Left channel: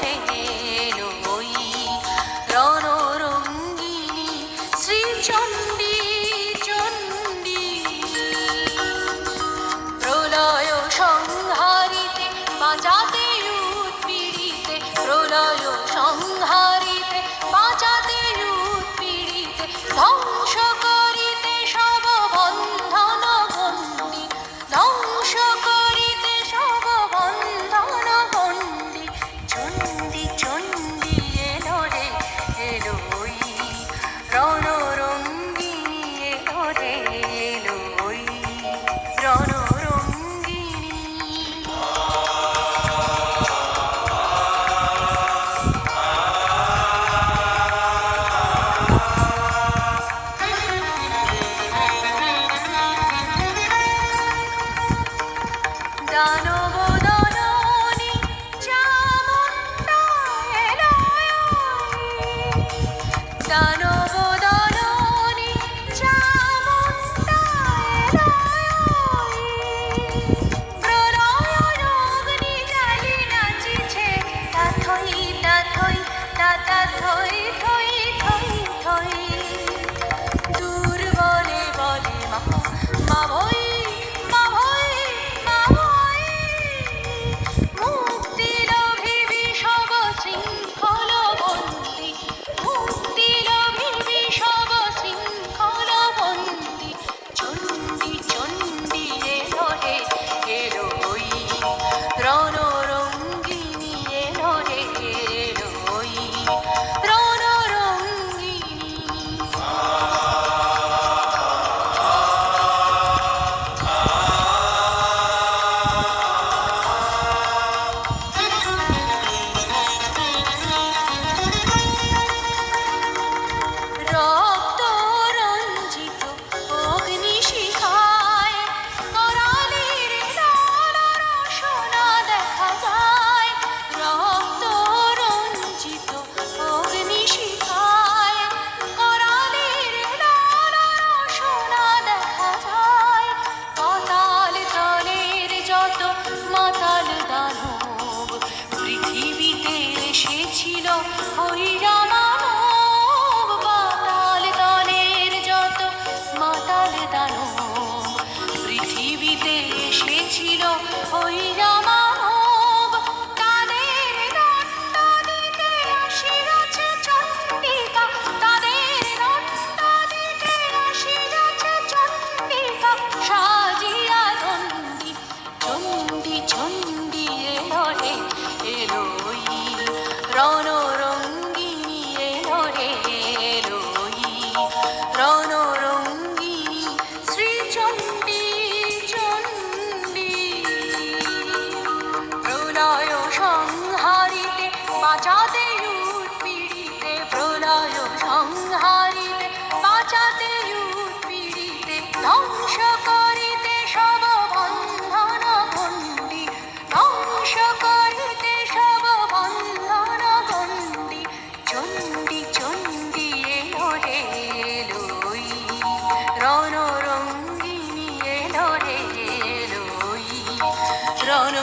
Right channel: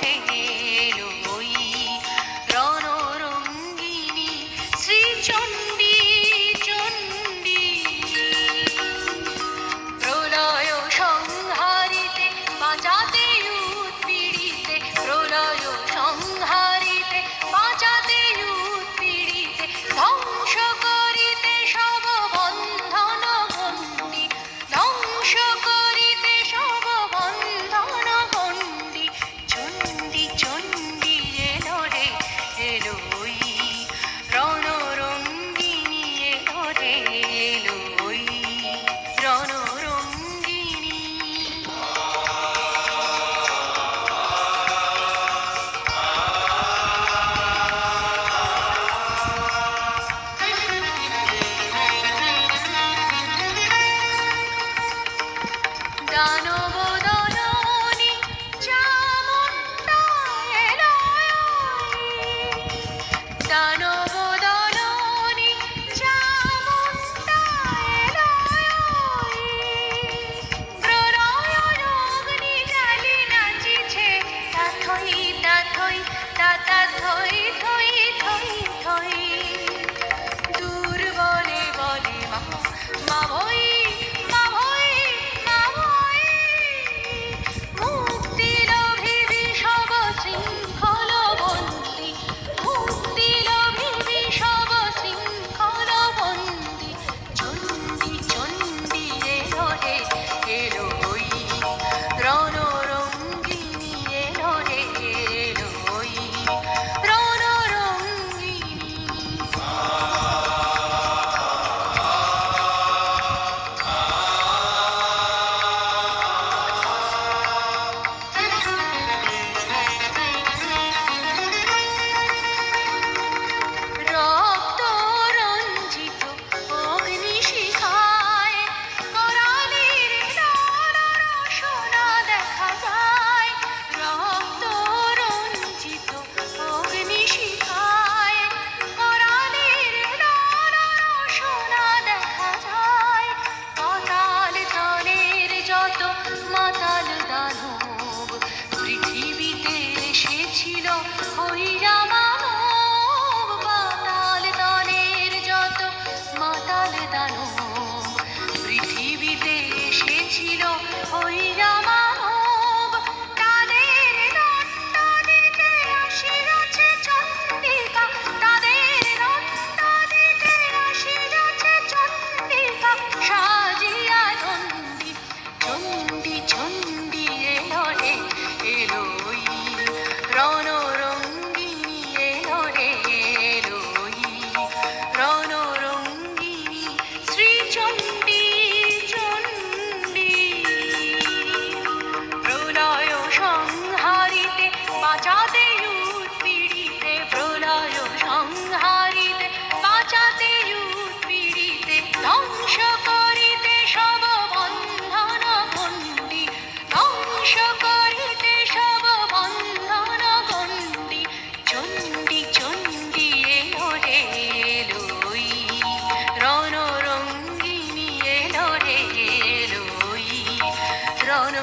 রে এলোই রণরঙ্গিনী শ্রীচণ্ডী চণ্ডী প্রলয় সংহারিতে বাঁচাতে উৎপীড়িতে প্রলয় সংহারিতে বাঁচাতে উৎপীড়িতে ধ্বংস করিতে সব বন্ধন গণ্ডি ধ্বংস করিতে সব বন্ধন গণ্ডি চণ্ডী চণ্ডী এলো রে এলোই রণরঙ্গিনী এলো রে এলোই রণরঙ্গিনী দানব দলনী চামুণ্ডা এলোই দানব দলনী চামুণ্ডা এলোই প্রলয় অগ্নি জ্বালি নাচিছে তাথই তাথই তাতা থই থই থই থই দুর্বলে বলে মা মা ভই মা ভই মা ভই মুক্তি লোভিবি সব শৃঙ্খল বন্দী মুক্তি লোভিবি সব শৃঙ্খল বন্দী চণ্ডী চণ্ডী এলো রে এলোই রণরঙ্গিনী এলো রে এলোই রণরঙ্গিনী রক্ত রঞ্জিত অগ্নিশিখায় করালির লালরসনা দেখা যায় রক্ত রঞ্জিত অগ্নিশিখায় করালির লালরসনা দেখা যায় পাতাল তলের যত মাতাল দানব পৃথিবীতে এসেছিল হইরা মানব পাতাল তলের যত মাতাল দানব পৃথিবীতে এসেছিল হইরা মানব তাদের দণ্ড দিতে আসিয়াছে চণ্ডিকা তাদের দণ্ড দিতে আসিয়াছে চণ্ডিকা সাজিয়া চণ্ডী চণ্ডী চণ্ডী এলো রে এলোই রণরঙ্গিনী এলো রে এলোই রণরঙ্গিনী শ্রীচণ্ডী চণ্ডী প্রলয় সংহারিতে বাঁচাতে উৎপীড়িতে প্রলয় সংহারিতে বাঁচাতে উৎপীড়িতে ধ্বংস করিতে সব বন্ধন গণ্ডি ধ্বংস করিতে সব বন্ধন গণ্ডি চণ্ডী চণ্ডী এলো রে এলোই রণরঙ্গিনী এলো রে এলোই রণ